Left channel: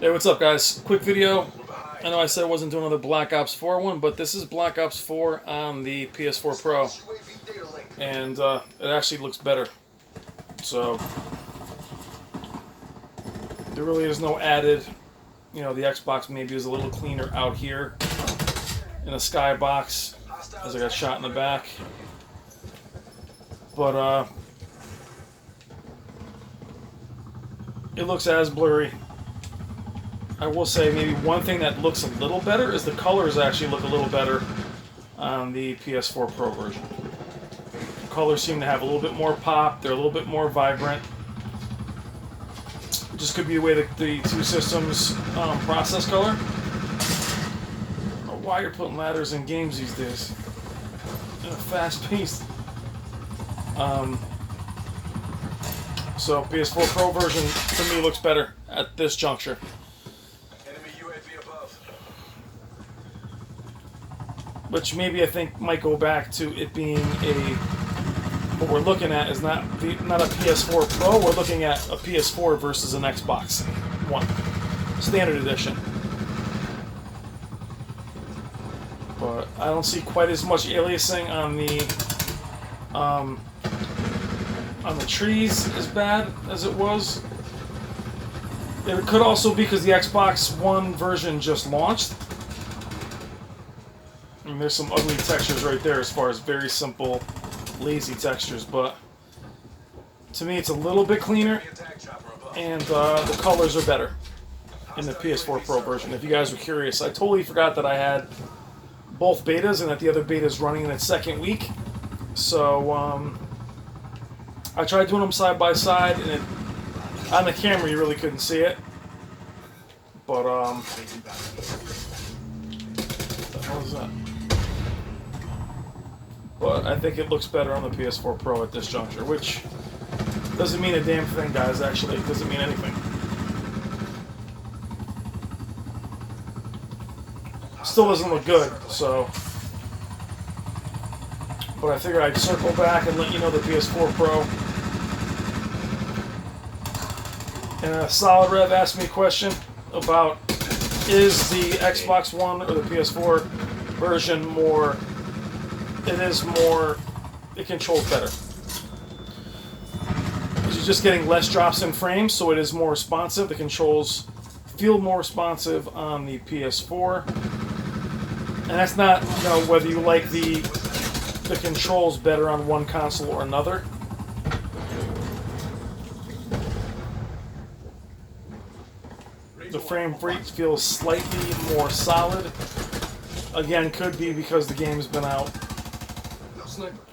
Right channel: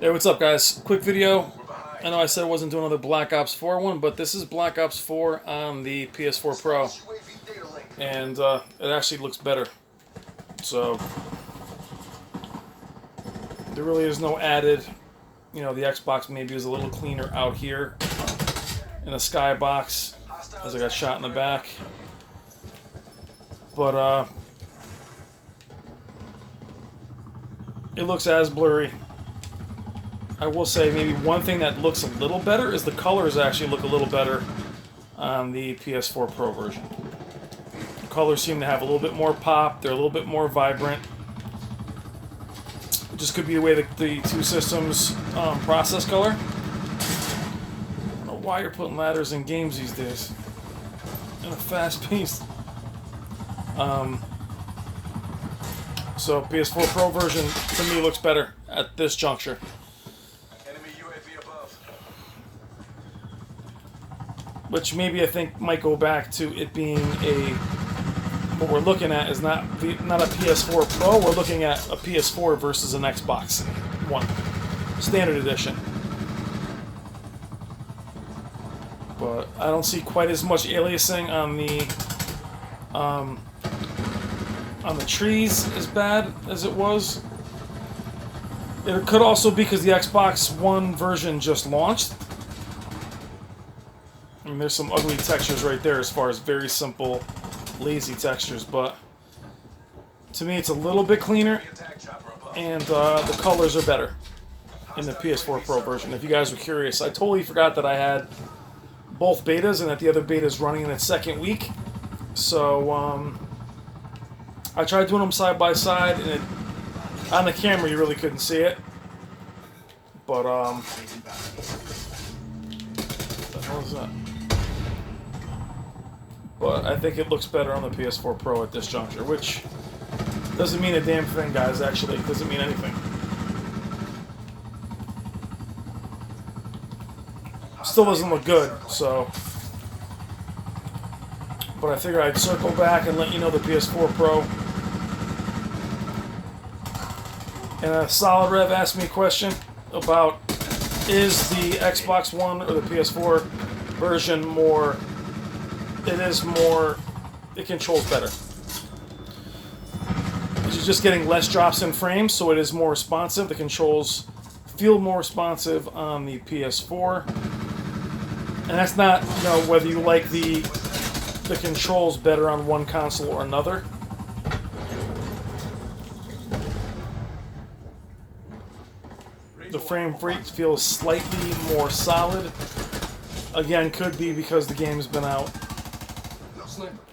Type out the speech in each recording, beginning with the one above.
Hey, what's up, guys? Quick video. I know I said I wasn't doing another Black Ops 4 one, but this is Black Ops 4 on the PS4 Pro, and it actually looks better. So there really is no added. The Xbox maybe is a little cleaner out here in the skybox, as I got shot in the back. But it looks as blurry. I will say maybe one thing that looks a little better is the colors actually look a little better on the PS4 Pro version. The colors seem to have a little bit more pop. They're a little bit more vibrant. It just could be the way that the two systems process color. I don't know why you're putting ladders in games these days. In a fast-paced. So PS4 Pro version to me looks better at this juncture. Which maybe I think might go back to it being what we're looking at is not a PS4 Pro, we're looking at a PS4 versus an Xbox One, standard edition. But I don't see quite as much aliasing on the trees as bad as it was. It could also be because the Xbox One version just launched. I mean, there's some ugly textures right there as far as very simple, lazy textures, but to me it's a little bit cleaner, and the colors are better in the PS4 Pro version. If you guys were curious, I totally forgot that I had both betas and that the other beta is running in its second week. So I tried doing them side by side, and on the camera you really couldn't see it. But what the hell is that? But I think it looks better on the PS4 Pro at this juncture, which doesn't mean a damn thing, guys, actually. It doesn't mean anything. Still doesn't look good, so. But I figured I'd circle back and let you know the PS4 Pro. And Solid Rev asked me a question about, is the Xbox One or the PS4 version more... It controls better. You're just getting less drops in frames, so it is more responsive. The controls feel more responsive on the PS4. And that's not, whether you like the controls better on one console or another. The frame rate feels slightly more solid. Again, could be because the game's been out.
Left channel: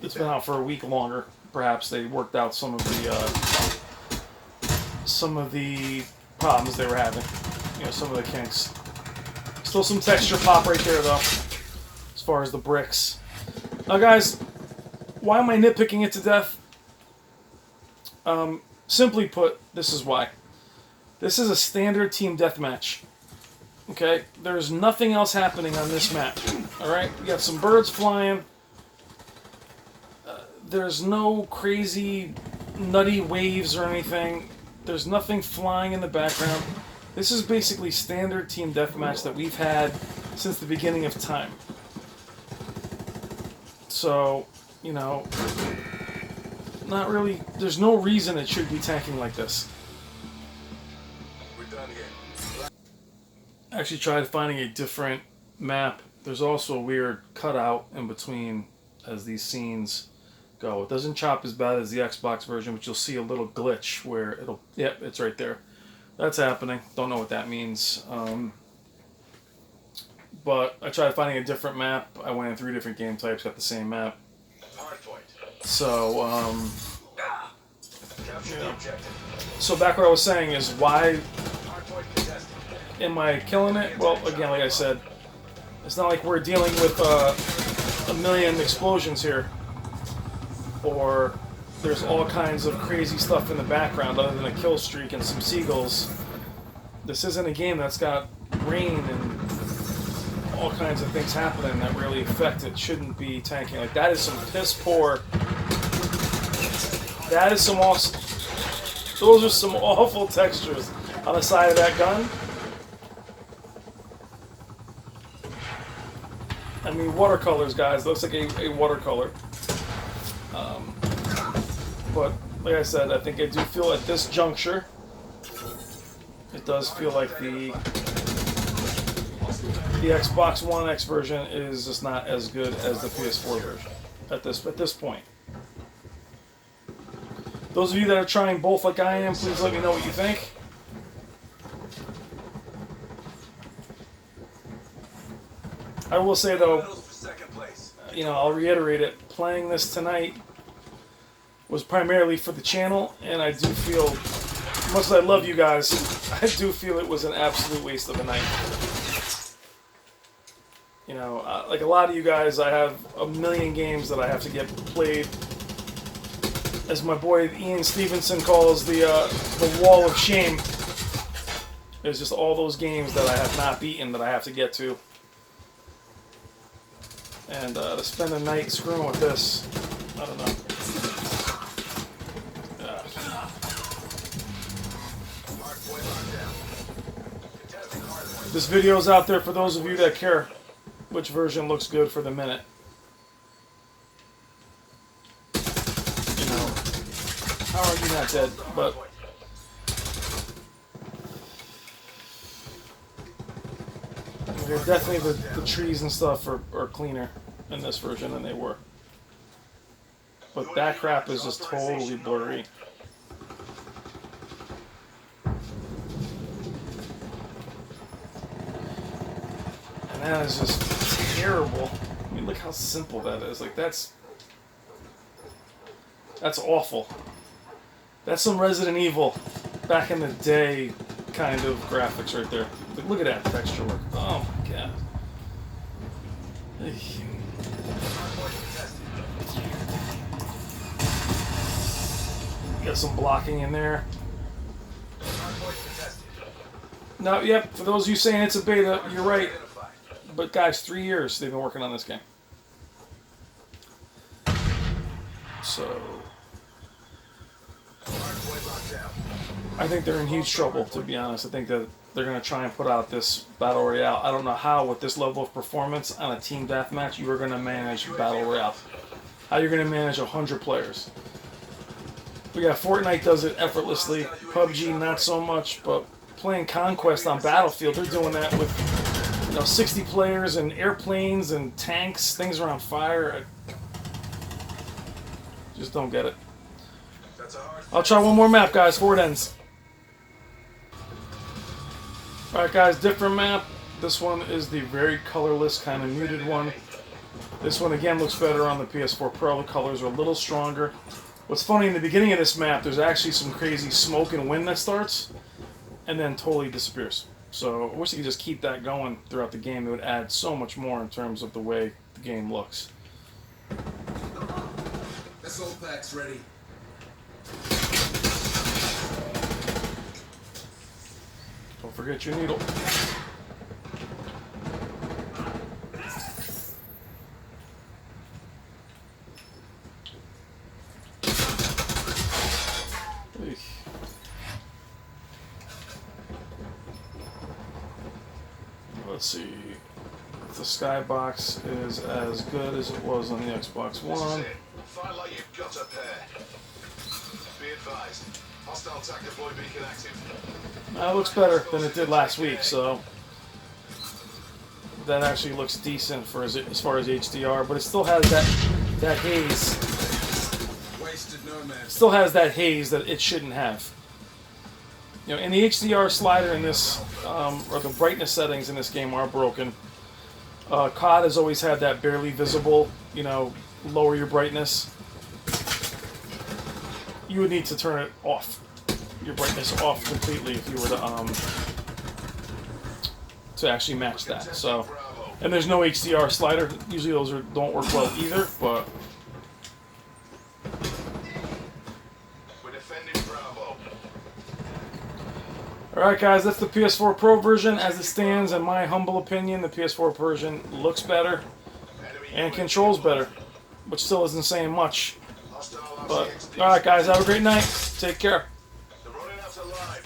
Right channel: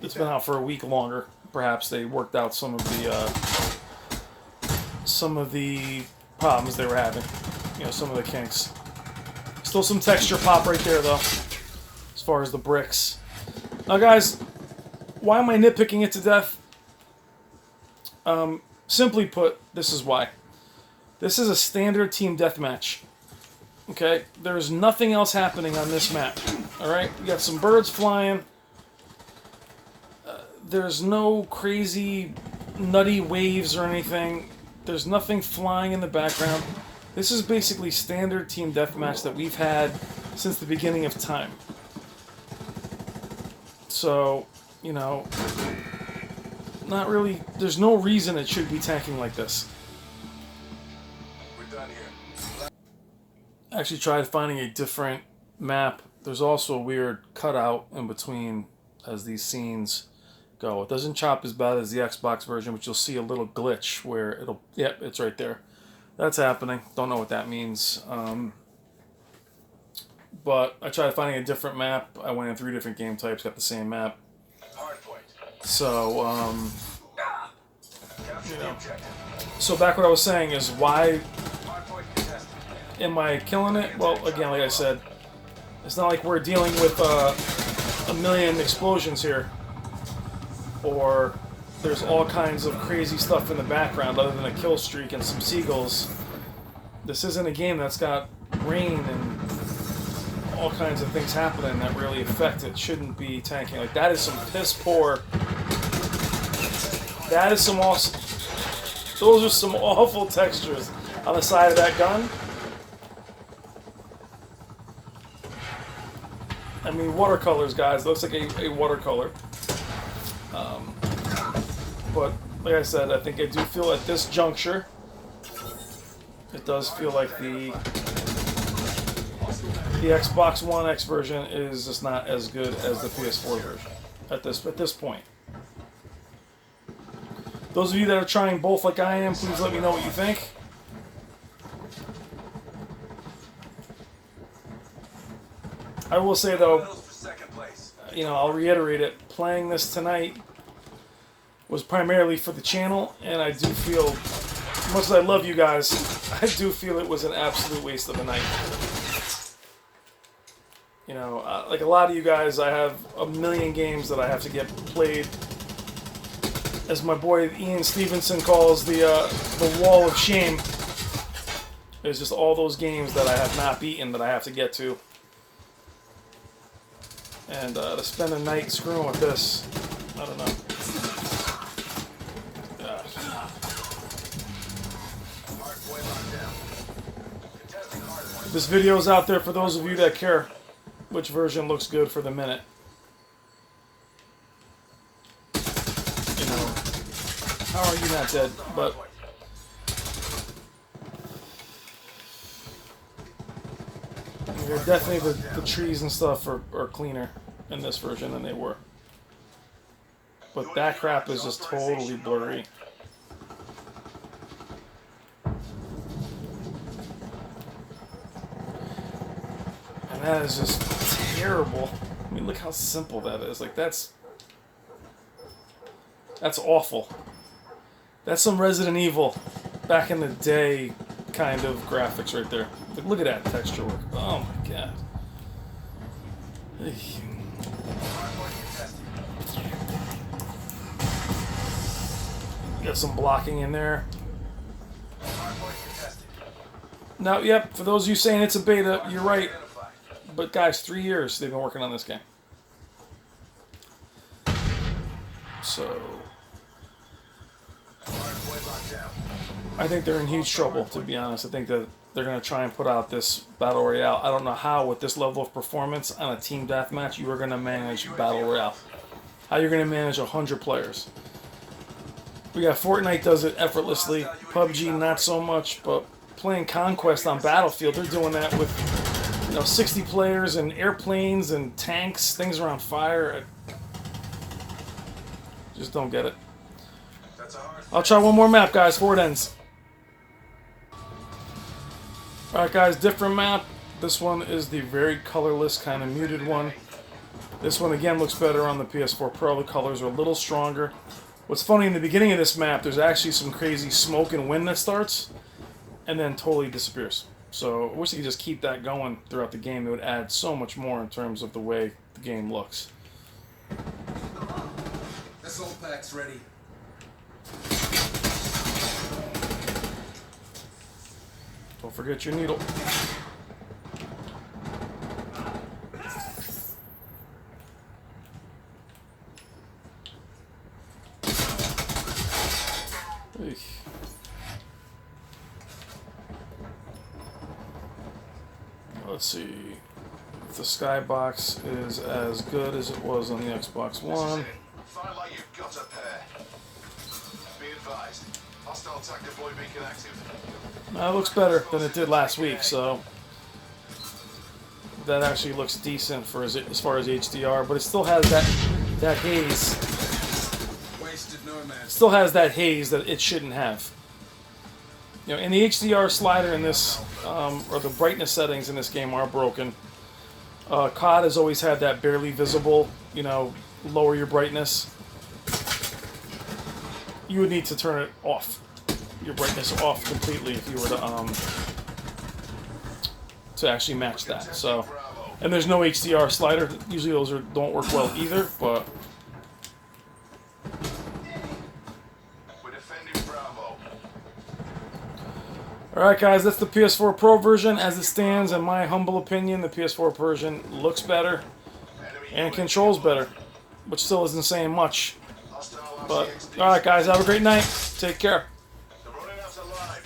It's been out for a week longer. Perhaps they worked out some of the problems they were having. Some of the kinks. Still some texture pop right there, though, as far as the bricks. Now, guys, why am I nitpicking it to death? Simply put, this is why. This is a standard team deathmatch. Okay? There's nothing else happening on this map. Alright? You got some birds flying. There's no crazy, nutty waves or anything. There's nothing flying in the background. This is basically standard team deathmatch that we've had since the beginning of time. So, not really. There's no reason it should be tanking like this. We're done here. I actually tried finding a different map. There's also a weird cutout in between as these scenes go. It doesn't chop as bad as the Xbox version, but you'll see a little glitch where yep, it's right there. That's happening. Don't know what that means. But I tried finding a different map. I went in 3 different game types, got the same map. So, So back what I was saying is, why am I killing it? Well, again, like I said, it's not like we're dealing with a million explosions here. Or there's all kinds of crazy stuff in the background other than a kill streak and some seagulls. This isn't a game that's got rain and all kinds of things happening that really affect it. Shouldn't be tanking. Like, that is some piss poor. That is some awesome. Those are some awful textures on the side of that gun. I mean, watercolors, guys. Looks like a watercolor. But like I said, I think I do feel at this juncture, it does feel like the Xbox One X version is just not as good as the PS4 version at this point. Those of you that are trying both like I am, please let me know what you think. I will say though, you know, I'll reiterate it, playing this tonight was primarily for the channel, and I do feel, as much as I love you guys, I do feel it was an absolute waste of a night. You know, like a lot of you guys, I have a million games that I have to get played. As my boy Ian Stevenson calls the wall of shame. There's just all those games that I have not beaten that I have to get to. And to spend a night screwing with this, I don't know. This video is out there for those of you that care which version looks good for the minute. You know, how are you not dead? But definitely the trees and stuff are cleaner in this version than they were. But that crap is just totally blurry. And that is just terrible. I mean, look how simple that is. Like, that's awful. That's some Resident Evil back in the day kind of graphics right there. Like, look at that texture work. Oh my god. Got some blocking in there. Now, yep, for those of you saying it's a beta, you're right. But guys, 3 years they've been working on this game. So I think they're in huge trouble, to be honest. I think that they're going to try and put out this Battle Royale. I don't know how, with this level of performance on a team deathmatch, you are going to manage Battle Royale. How you're going to manage 100 players. But yeah, Fortnite does it effortlessly. PUBG, not so much. But playing Conquest on Battlefield, they're doing that with 60 players and airplanes and tanks. Things are on fire. I just don't get it. I'll try one more map, guys, before it ends. Alright guys, different map. This one is the very colorless, kind of muted one. This one again looks better on the PS4 Pro. The colors are a little stronger. What's funny, in the beginning of this map, there's actually some crazy smoke and wind that starts, and then totally disappears. So I wish you could just keep that going throughout the game. It would add so much more in terms of the way the game looks. Assault pack's ready. Don't forget your needle. Eesh. Let's see if the skybox is as good as it was on the Xbox One. Find like you've got up there. Be advised. Hostile attack deploy beacon active. It looks better than it did last week, so that actually looks decent for as far as HDR, but it still has that haze. Still has that haze that it shouldn't have. And the HDR slider in this, or the brightness settings in this game are broken. COD has always had that barely visible, lower your brightness. You would need to turn it off, your brightness off completely if you were to actually match that. So, and there's no HDR slider. Usually those don't work well either, but. Alright guys, that's the PS4 Pro version. As it stands, in my humble opinion, the PS4 version looks better and controls better, which still isn't saying much. But, alright guys, have a great night. Take care.